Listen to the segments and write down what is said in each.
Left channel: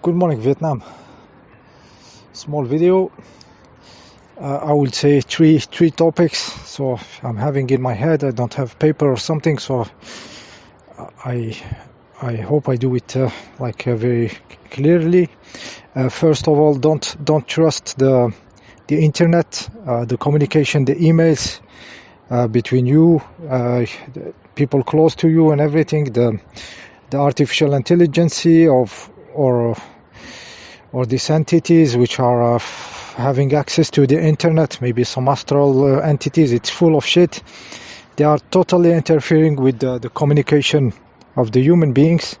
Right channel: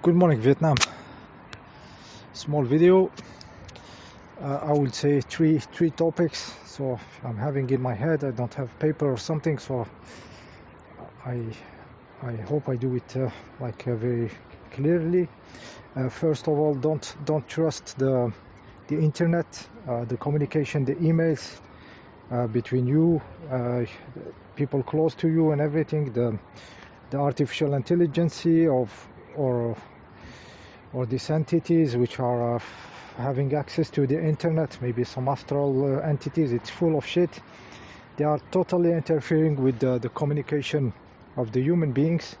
Good morning, Vietnam. Small video. I will say three topics. So I'm having in my head. I don't have paper or something. So I hope I do it very clearly. First of all, don't trust the internet, the communication, the emails between you, people close to you, and everything. The artificial intelligence or these entities which are having access to the internet, maybe some astral entities. It's full of shit. They are totally interfering with the communication of the human beings.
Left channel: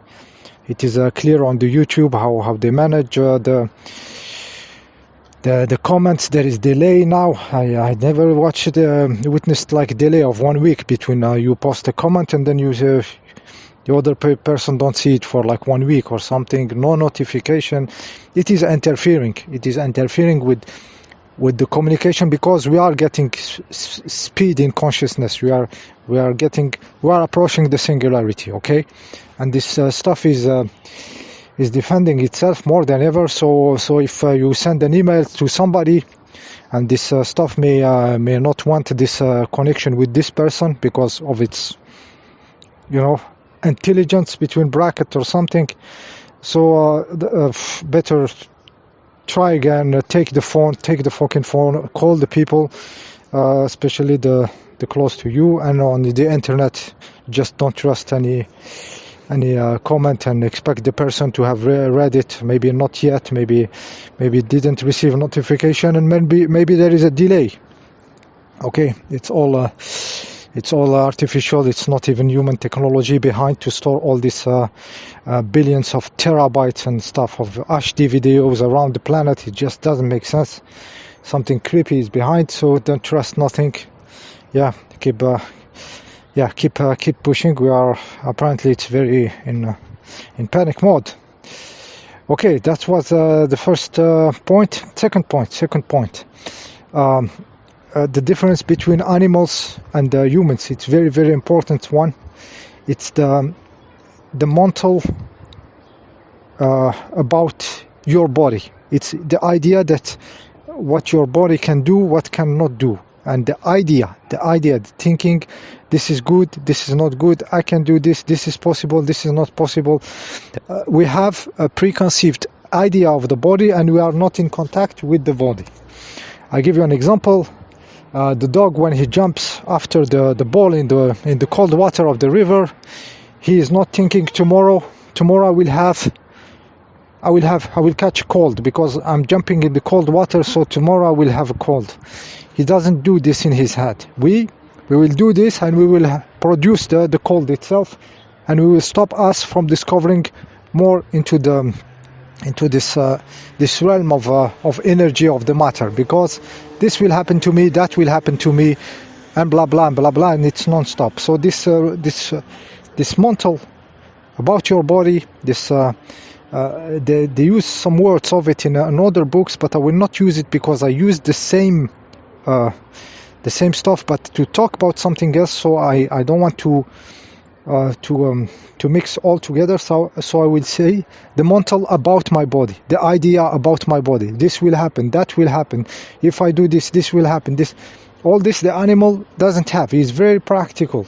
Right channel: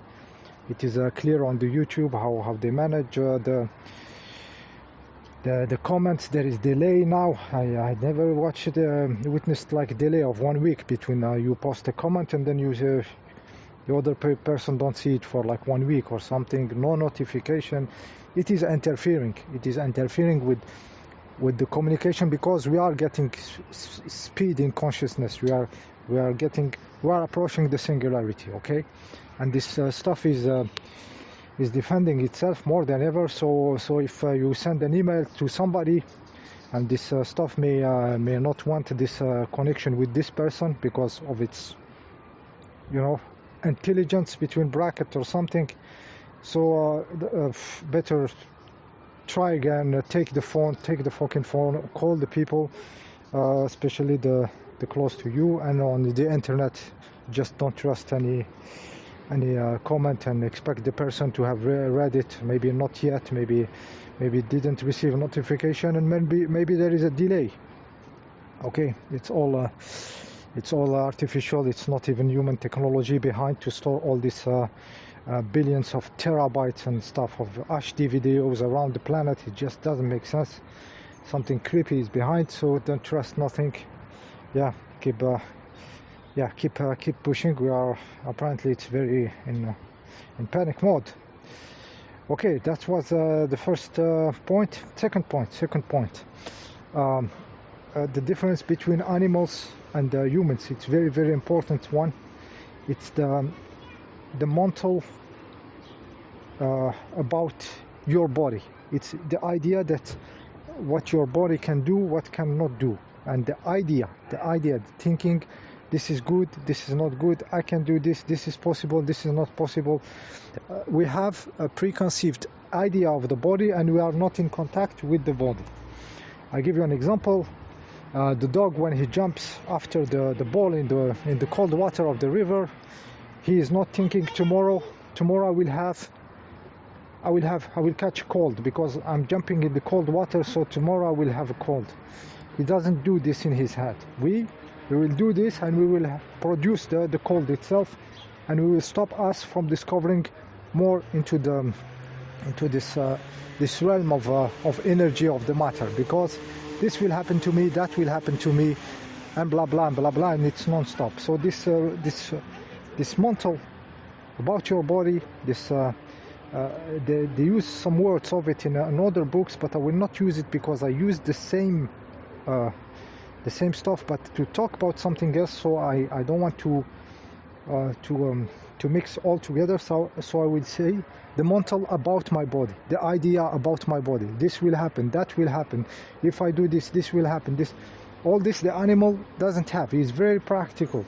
It is clear on the YouTube how they manage the comments. There is delay now. I never witnessed like delay of 1 week between you post a comment and then the other person don't see it for like 1 week or something. No notification. It is interfering. It is interfering with the communication, because we are getting speed in consciousness. We are approaching the singularity. Okay, and this stuff is defending itself more than ever. So if you send an email to somebody, and this stuff may not want this connection with this person because of its intelligence between brackets or something. So better try again. Take the fucking phone, call the people, especially the close to you. And on the internet, just don't trust any comment and expect the person to have read it. Maybe not yet, maybe didn't receive notification, and maybe there is a delay. Okay, it's all artificial. It's not even human technology behind to store all these billions of terabytes and stuff of HD videos around the planet. It just doesn't make sense. Something creepy is behind, so don't trust nothing. Keep pushing. We are apparently it's very in panic mode. Okay, that was the first point. Second point. The difference between animals and humans. It's very, very important one. It's the mental about your body. It's the idea that what your body can do, what cannot do, and the thinking, this is good, this is not good, I can do this, this is possible, this is not possible. We have a preconceived idea of the body, and we are not in contact with the body. I give you an example. The dog, when he jumps after the ball in the cold water of the river, he is not thinking tomorrow I will catch a cold because I'm jumping in the cold water, so tomorrow I will have a cold. He doesn't do this in his head. We will do this, and we will produce the cold itself, and we will stop us from discovering more into this realm of energy of the matter, because this will happen to me, that will happen to me, and blah blah blah blah, and it's non-stop. So this mental about your body, they use some words of it in other books, but I will not use it because I use the same stuff, but to talk about something else. So I don't want to mix all together. So I will say the mental about my body, the idea about my body. This will happen, that will happen. If I do this, this will happen. All this the animal doesn't have. He's very practical.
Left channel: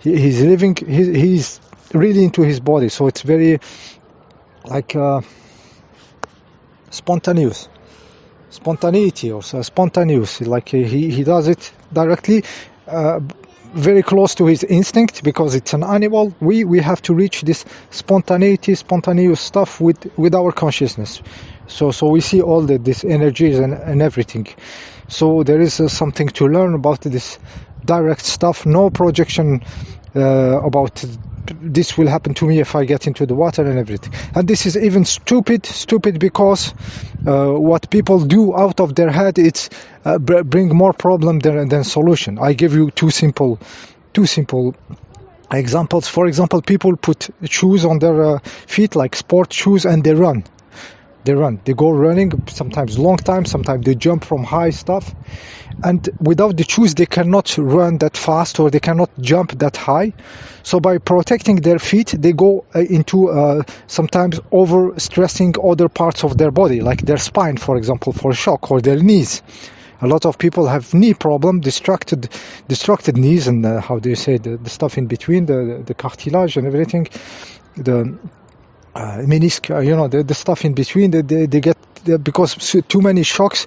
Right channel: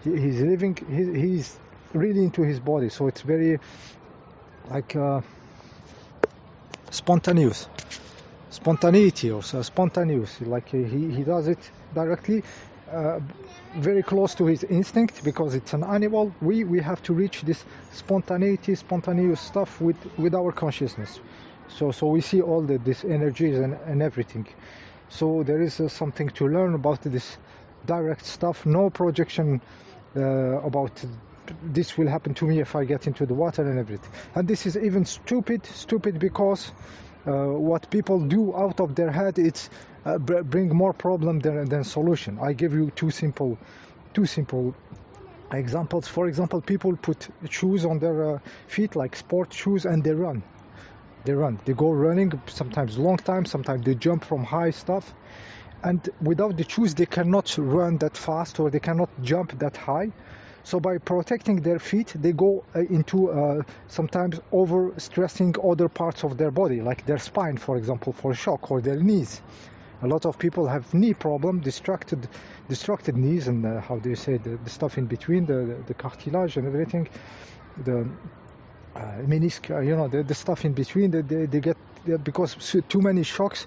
He's living. He's really into his body. So it's very like spontaneity, or spontaneous. Like he does it directly. Very close to his instinct, because it's an animal. We have to reach this spontaneous stuff with our consciousness. So we see all these energies and everything. So there is something to learn about this direct stuff. No projection about this will happen to me if I get into the water and everything. And this is even stupid because what people do out of their head, it's bring more problem than solution. I give you two simple examples. For example, people put shoes on their feet, like sport shoes, and they run. They go running, sometimes long time, sometimes they jump from high stuff. And without the shoes, they cannot run that fast or they cannot jump that high. So by protecting their feet, they go into sometimes over-stressing other parts of their body, like their spine, for example, for shock, or their knees. A lot of people have knee problem, distracted knees, and how do you say, the stuff in between, the cartilage and everything, the menisc, the stuff in between, they get, because too many shocks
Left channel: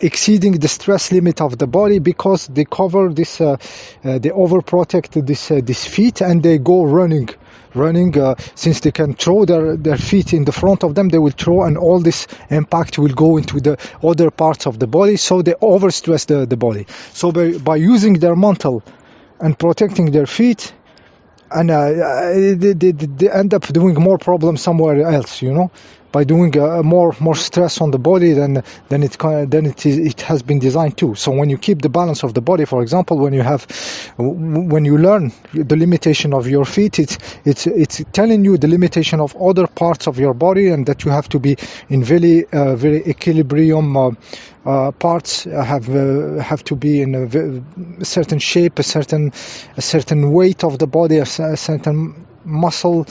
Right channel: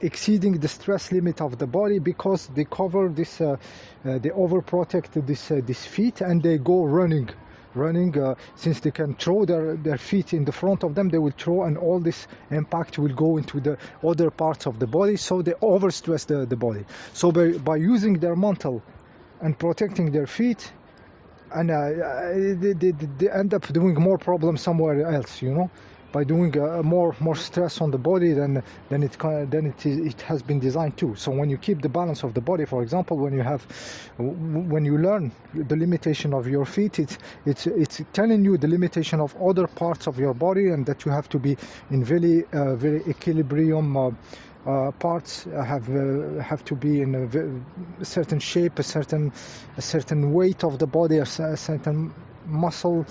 exceeding the stress limit of the body, because they cover this, they overprotect this feet, and they go running. Since they can throw their feet in the front of them, they will throw, and all this impact will go into the other parts of the body, so they overstress the body. So by using their mantle and protecting their feet, and they end up doing more problems somewhere else, by doing more stress on the body than it has been designed to. So when you keep the balance of the body, for example, when you learn the limitation of your feet, it's telling you the limitation of other parts of your body, and that you have to be in very equilibrium. Parts have to be in a certain shape, a certain weight of the body, a certain muscle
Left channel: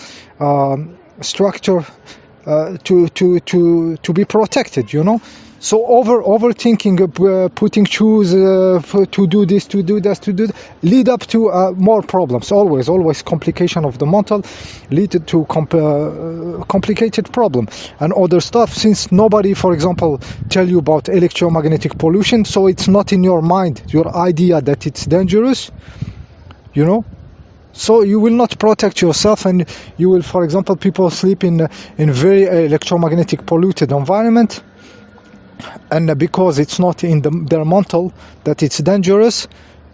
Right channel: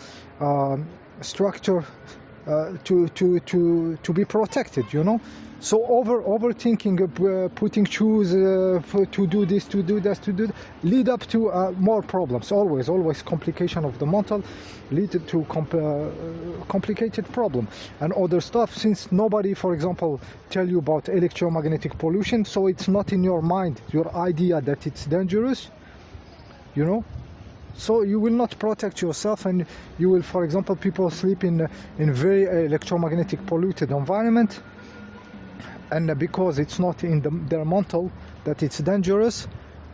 structure to be protected, So overthinking, putting shoes to do this, to do that, lead up to more problems. Always complication of the mantle lead to complicated problem and other stuff. Since nobody, for example, tell you about electromagnetic pollution, so it's not in your mind, your idea that it's dangerous, So you will not protect yourself, and you will, for example, people sleep in very electromagnetic polluted environment, and because it's not in their mantle that it's dangerous,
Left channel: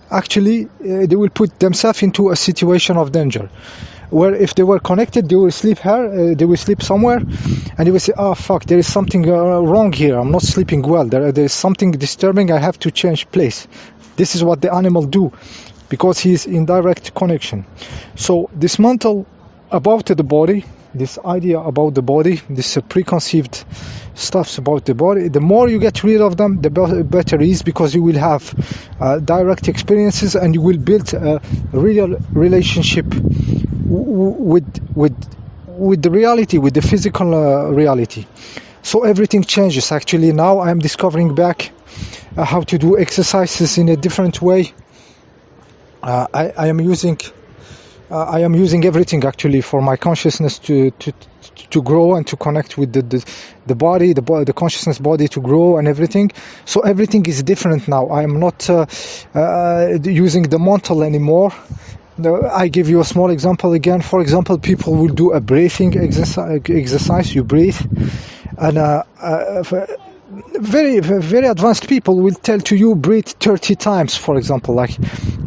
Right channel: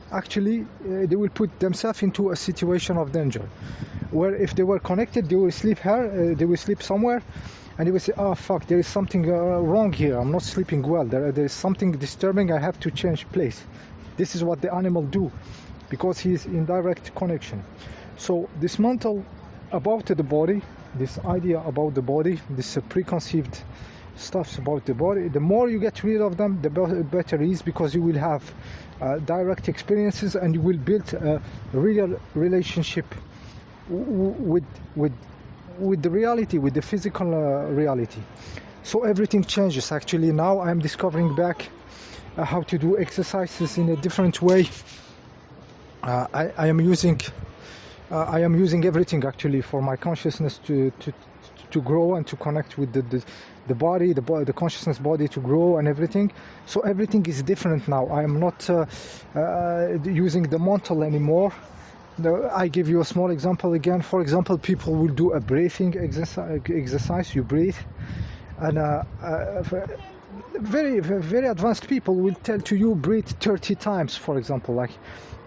actually they will put themselves into a situation of danger. Where if they were connected, they will sleep here, they will sleep somewhere, and they will say, "Oh fuck, there is something wrong here. I'm not sleeping well. There is something disturbing. I have to change place." This is what the animal do, because he is in direct connection. So this mantle about the body, this idea about the body, this preconceived stuffs about the body, the more you get rid of them, the better it is, because you will have direct experiences, and you will build a real relationship with the reality, with the physical reality. So everything changes. Actually, now I am discovering back how to do exercises in a different way. I am using everything actually for my consciousness to grow and to connect with the body, the consciousness body to grow and everything. So everything is different now. I am not using the mantle anymore. I give you a small example again. For example, people will do a breathing exercise. You breathe, and very advanced people will tell to you breathe 30 times, for example, like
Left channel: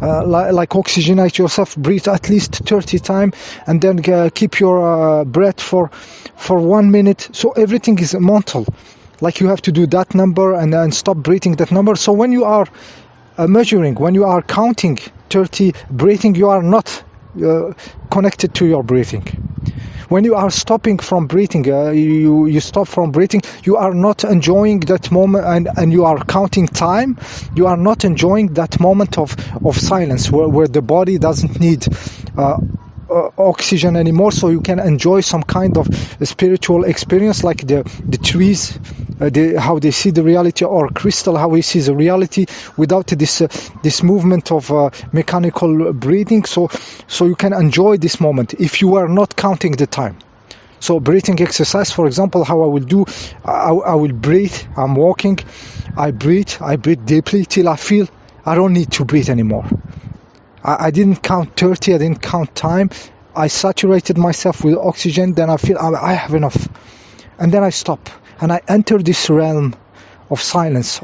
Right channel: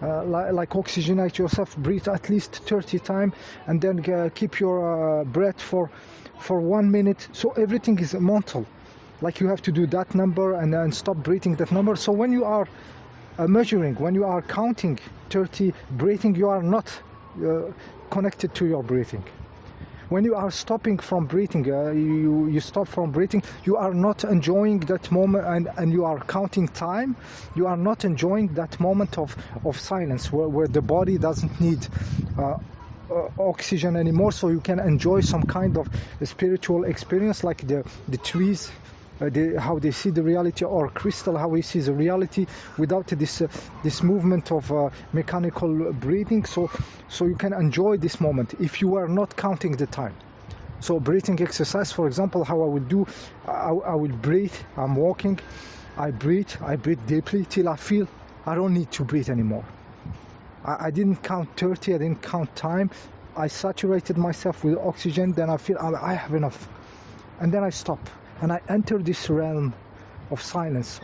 oxygenate yourself, breathe at least 30 times, and then keep your breath for 1 minute. So everything is mental, like you have to do that number and then stop breathing that number. So when you are measuring, when you are counting 30 breathing, you are not connected to your breathing. When you are stopping from breathing, you stop from breathing, you are not enjoying that moment, and you are counting time, you are not enjoying that moment of silence where the body doesn't need oxygen anymore, so you can enjoy some kind of spiritual experience, like the trees, how they see the reality, or crystal, how he sees the reality without this movement of mechanical breathing. So you can enjoy this moment if you are not counting the time. So breathing exercise, for example, how I will do, I will breathe. I'm walking, I breathe deeply till I feel I don't need to breathe anymore. I didn't count 30, I didn't count time. I saturated myself with oxygen, then I feel I have enough. And then I stop, and I enter this realm of silence,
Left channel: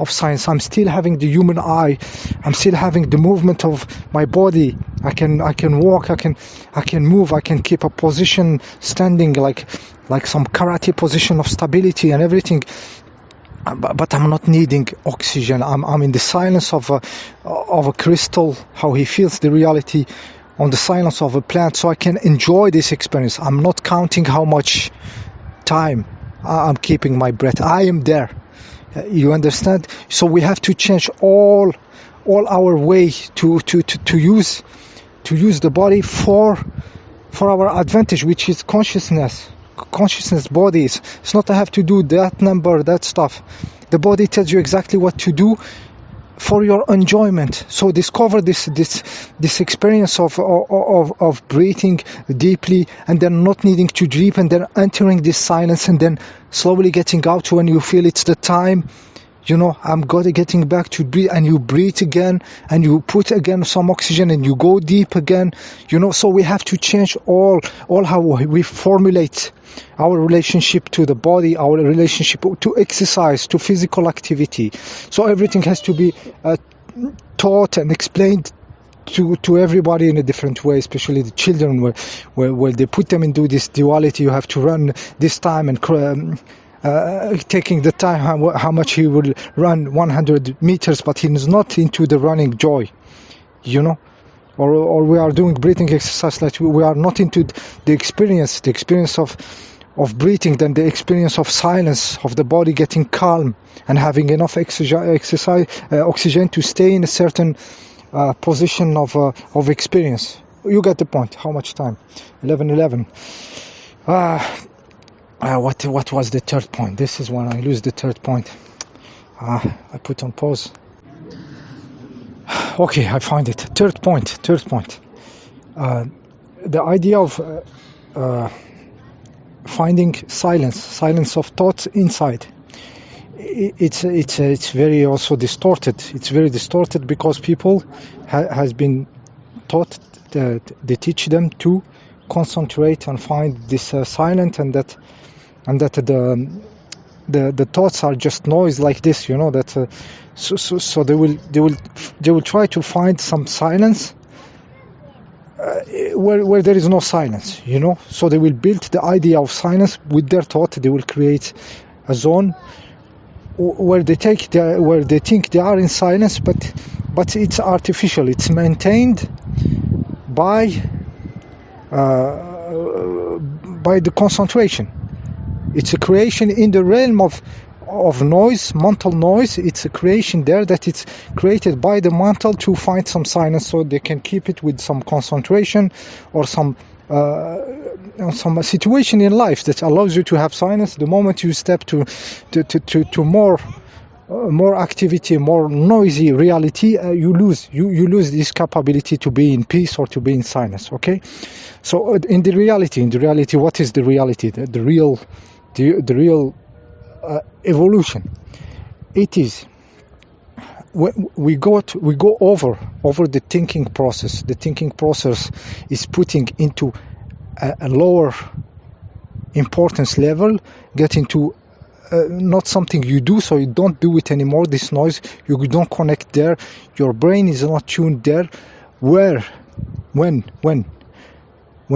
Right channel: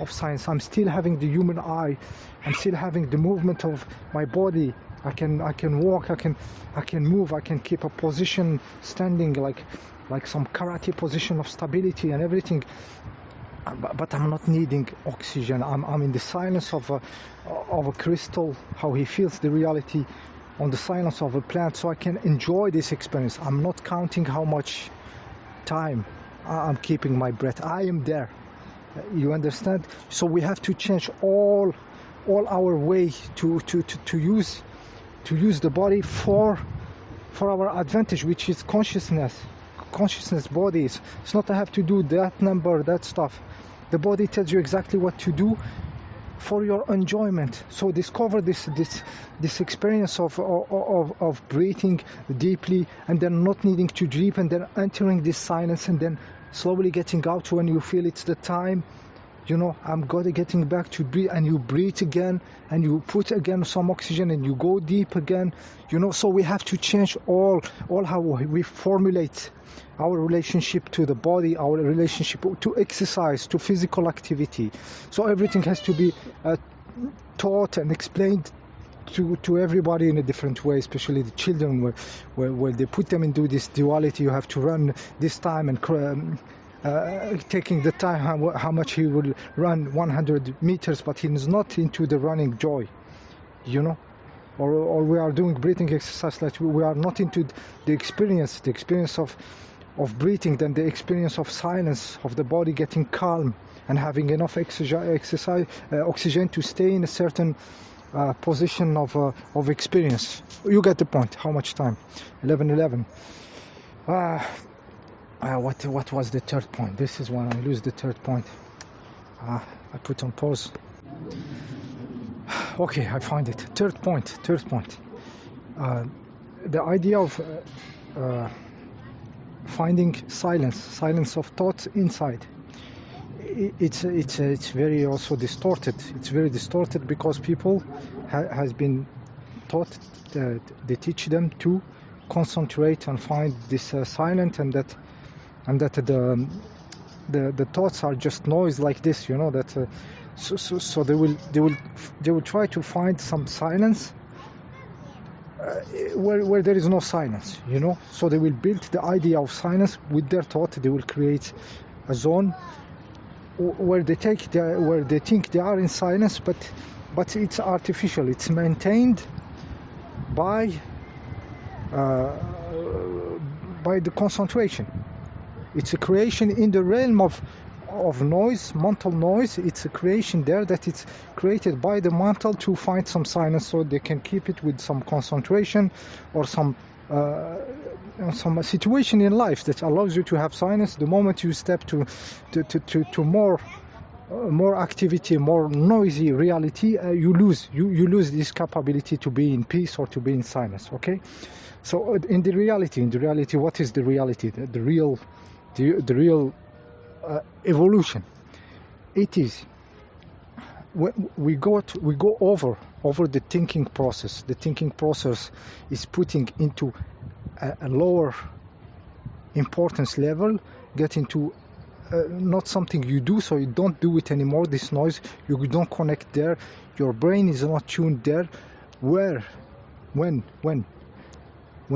I'm still having the human eye, I'm still having the movement of my body. I can walk, I can move, I can keep a position standing, like some karate position of stability and everything. But I'm not needing oxygen. I'm in the silence of a crystal, how he feels the reality on the silence of a plant, so I can enjoy this experience. I'm not counting how much time I'm keeping my breath. I am there. You understand? So we have to change all our way to use the body for our advantage, which is consciousness bodies. It's not I have to do that number, that stuff. The body tells you exactly what to do for your enjoyment. So discover this experience of breathing deeply, and then not needing to breathe, and then entering this silence, and then slowly getting out when you feel it's the time. I'm getting back to breathe, and you breathe again, and you put again some oxygen, and you go deep again. So we have to change all how we formulate our relationship to the body, our relationship to exercise, to physical activity. So everything has to be taught and explained to everybody in a different way, especially the children, where they put them into this duality. You have to run this time, and taking the time how much he will run 100 meters, but he's not into the running joy, or we are doing breathing exercise like we are not into the experience of breathing, then the experience of silence, of the body getting calm and having enough oxygen to stay in a certain position of experience. You get the point. How much time? 11:11. What was the third point? This is when I lose the third point. I put on pause. Okay, I find it. Third point. The idea of finding silence of thoughts inside. It's very also distorted. It's very distorted because people has been taught that they teach them to concentrate and find this silent, and that the thoughts are just noise like this, that so they will try to find some silence where there is no silence, so they will build the idea of silence with their thought. They will create a zone where they think they are in silence, but it's artificial. It's maintained by the concentration. It's a creation in the realm of noise, mental noise. It's a creation there that it's created by the mental to find some silence, so they can keep it with some concentration or some situation in life that allows you to have silence. The moment you step to more activity, more noisy reality, you lose this capability to be in peace or to be in silence. Okay, so in the reality, what is the reality? The real evolution. It is we go over the thinking process. The thinking process is putting into a lower importance level, get into not something you do, so you don't do it anymore. This noise, you don't connect there. Your brain is not tuned there. When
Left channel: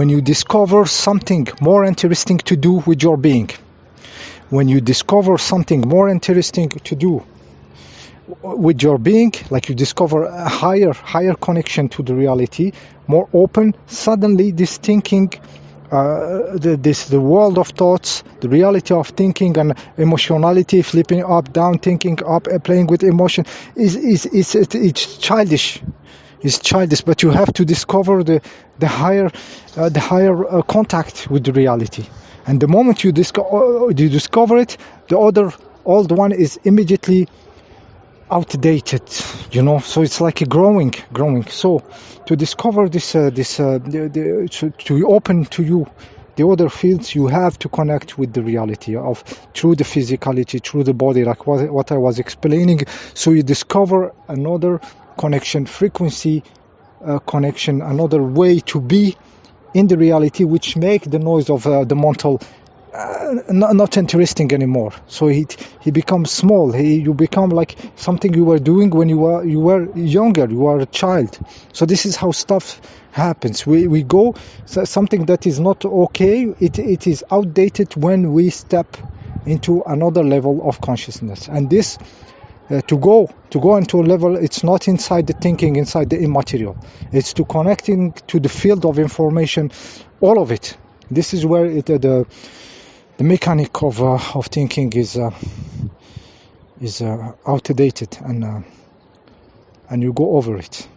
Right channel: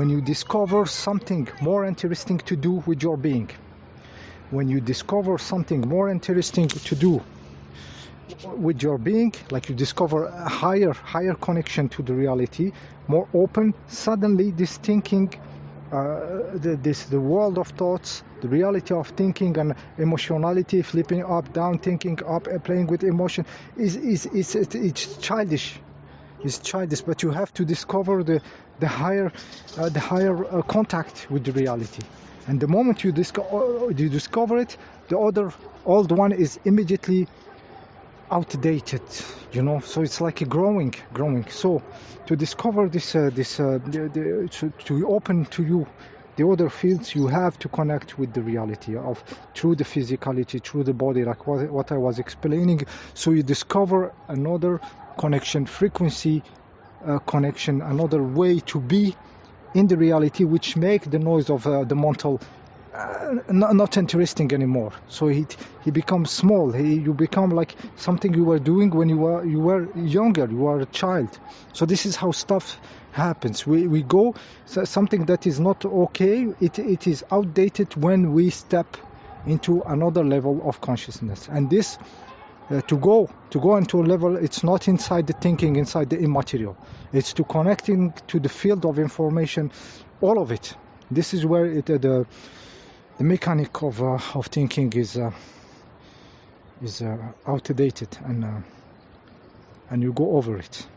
you discover something more interesting to do with your being, when you discover something more interesting to do with your being, like you discover a higher connection to the reality, more open, suddenly this thinking, the world of thoughts, the reality of thinking and emotionality, flipping up, down, thinking up, playing with emotion, it's childish. It's childish, but you have to discover the higher contact with the reality. And the moment you discover it, the other old one is immediately outdated, so it's like a growing. So to discover this to open to you the other fields, you have to connect with the reality of through the physicality, through the body, like what I was explaining. So you discover another connection, frequency connection, another way to be in the reality, which make the noise of the mental not interesting anymore. So he becomes small. You become like something you were doing when you were younger, you were a child. So this is how stuff happens. We go something that is not okay. It is outdated when we step into another level of consciousness. And this to go into a level, it's not inside the thinking, inside the immaterial. It's to connecting to the field of information, all of it. This is where the the mechanic of thinking is outdated, and you go over it.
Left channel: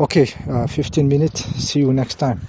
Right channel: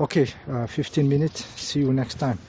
Okay, 15 minutes. See you next time.